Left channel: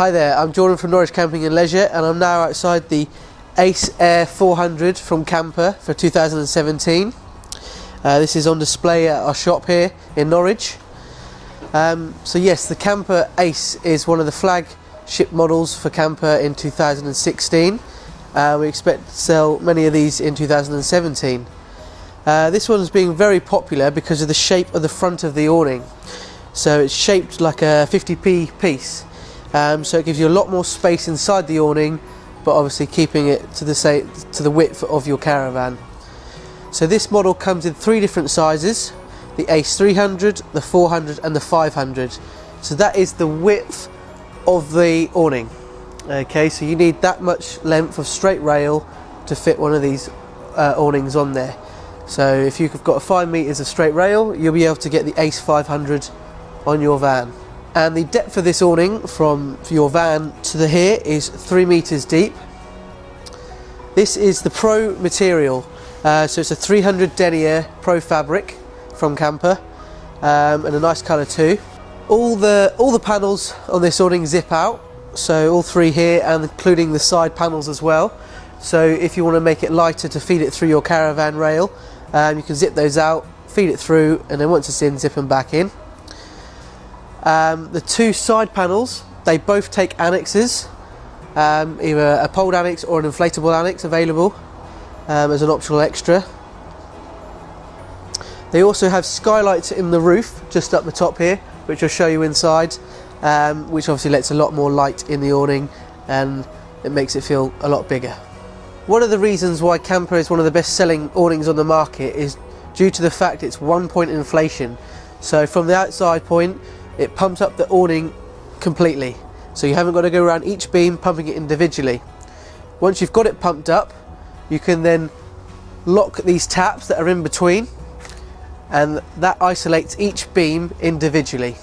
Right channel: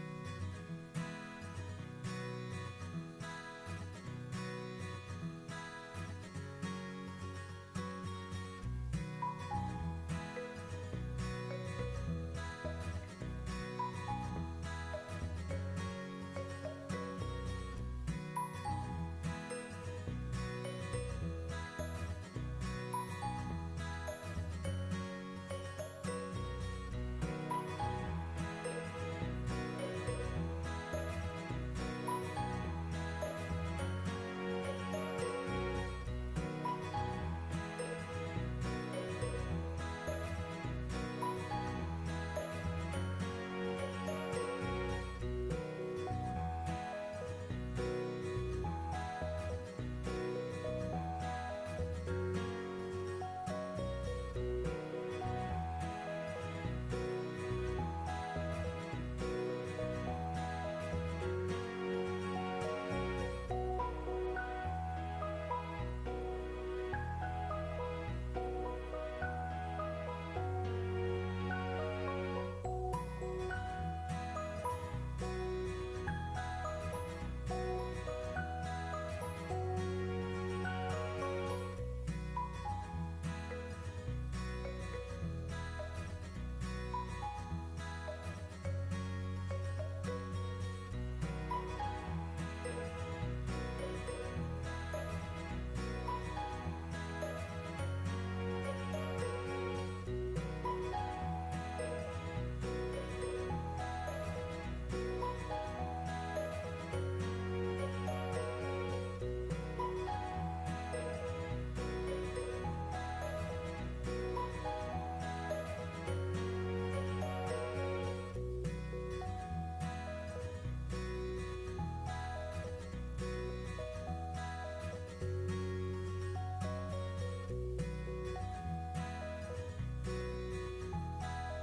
Hi there, I'm Jordan from Norwich Camping and Leisure, and I'm now outside the Ace Air 400 from Kampa for 2017. This is on display at our shop here in Norwich. So yes, the Kampa Ace is one of the flagship models for Kampa in 2016. We expect to sell many of these in 2017. This one's being very popular because of the shape of the front of the awning. So it's shaped like a 50p piece. So it gives you a lot more space inside the awning, but obviously keeping it to the width of your caravan. So this model comes in 3 different sizes: the Ace 300, the 400 and the 500. So that is the width of the awning. Okay, so you need that much length of straight rail to fit one of these awnings on there. So if you've got 5 meters of straight rail, you'll be able to get the Ace 500 on your van. And the depth of this awning from your van to here is 3 meters deep. This is the Pro material, so it's a 300 denier Pro fabric from Kampa, and a nice colour too. All the panels on this awning zip out, so all 3 here, and including the side panels as well. So if you want to make it lighter to feed it through your caravan rail, you can zip those out, feed it through, and then once it's in, zip them back in. The 2 side panels, they both take annexes, either a poled annex or an inflatable annex available as an optional extra. They also have skylights in the roof just up the top here, which I'll show you inside, which obviously lets a lot more light in the awning and it makes it feel a lot bigger. One of the reasons why Kampa is one of the best selling awnings on the market is due to the fact it's 1-point inflation. So from the outside point, it pumps up the awning completely, so you haven't got to go around each beam pumping it individually. Once you've got it pumped up, you can then lock these taps that are in between, and that isolates each beam individually.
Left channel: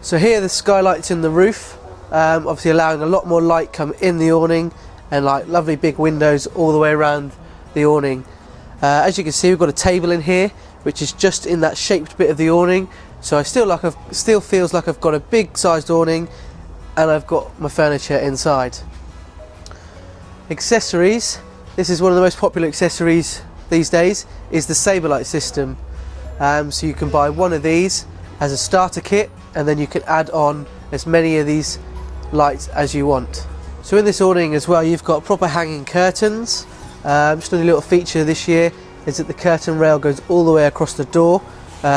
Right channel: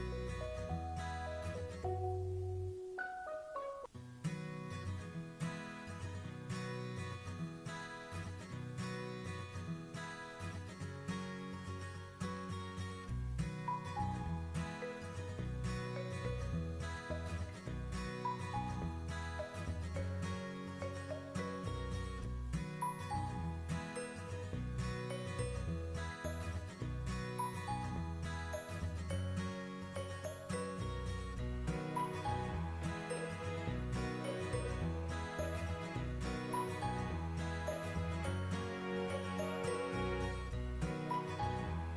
So here are the skylights in the roof, obviously allowing a lot more light come in the awning, and like lovely big windows all the way around the awning. As you can see, we've got a table in here which is just in that shaped bit of the awning. So I still feels like I've got a big sized awning and I've got my furniture inside. Accessories. This is one of the most popular accessories these days, is the Saberlight system. So you can buy one of these as a starter kit, and then you can add on as many of these lights as you want. So in this awning as well, you've got proper hanging curtains. Just a little feature this year is that the curtain rail goes all the way across the door.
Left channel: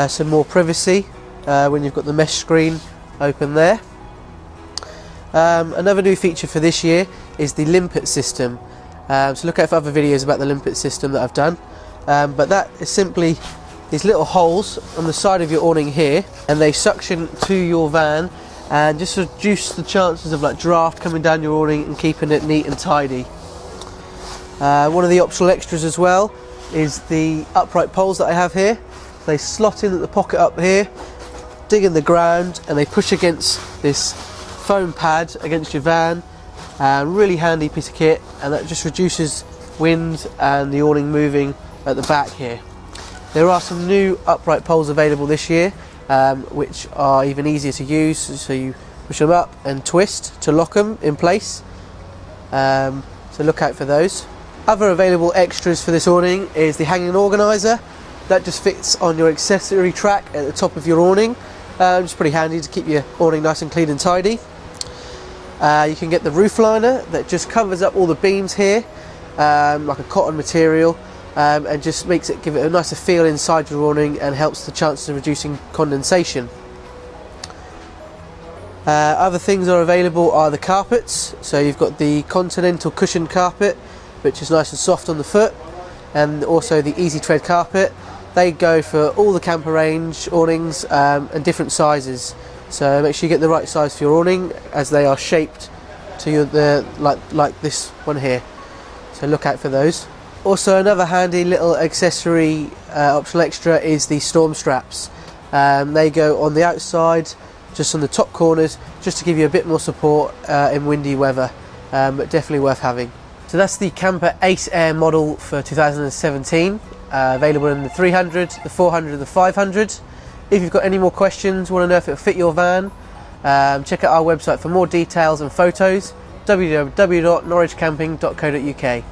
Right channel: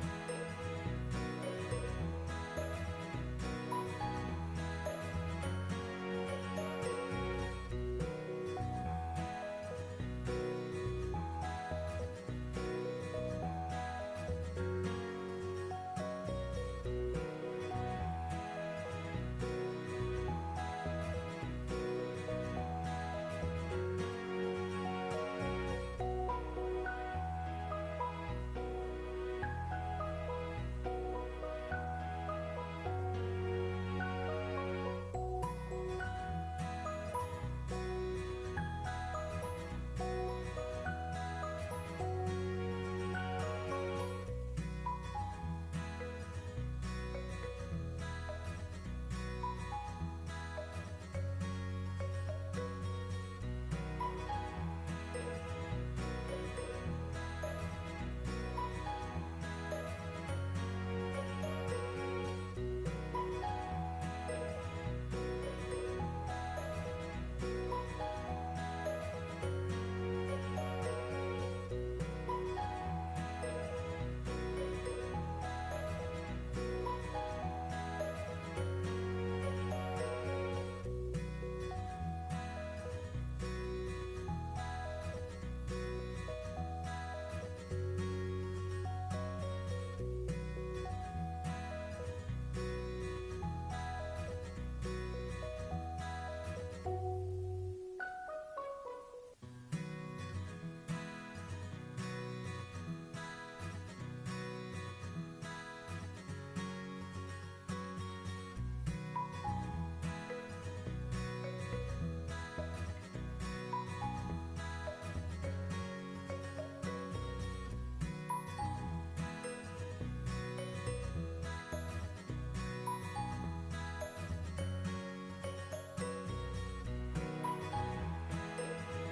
Some more privacy when you've got the mesh screen open there. Another new feature for this year is the limpet system. So look out for other videos about the limpet system that I've done. But that is simply these little holes on the side of your awning here, and they suction to your van and just reduce the chances of like draft coming down your awning and keeping it neat and tidy. One of the optional extras as well is the upright poles that I have here. They slot in at the pocket up here, dig in the ground, and they push against this foam pad against your van. Really handy piece of kit, and that just reduces wind and the awning moving at the back here. There are some new upright poles available this year, which are even easier to use, so you push them up and twist to lock them in place. So look out for those. Other available extras for this awning is the hanging organiser. That just fits on your accessory track at the top of your awning. It's pretty handy to keep your awning nice and clean and tidy. You can get the roof liner that just covers up all the beams here, like a cotton material, and just give it a nicer feel inside your awning and helps the chances of reducing condensation. Other things that are available are the carpets. So you've got the Continental cushioned carpet, which is nice and soft on the foot, and also the Easy Tread carpet. They go for all the Kampa range awnings and different sizes. So make sure you get the right size for your awning, as they are shaped to like this one here. So look out for those. Also, another handy little accessory optional extra is the storm straps. They go on the outside, just on the top corners, just to give you a bit more support in windy weather, but definitely worth having. So that's the Kampa Ace Air model for 2017, available in the 300, the 400 and the 500. If you've got any more questions, want to know if it'll fit your van, Check out our website for more details and photos, www.norwichcamping.co.uk.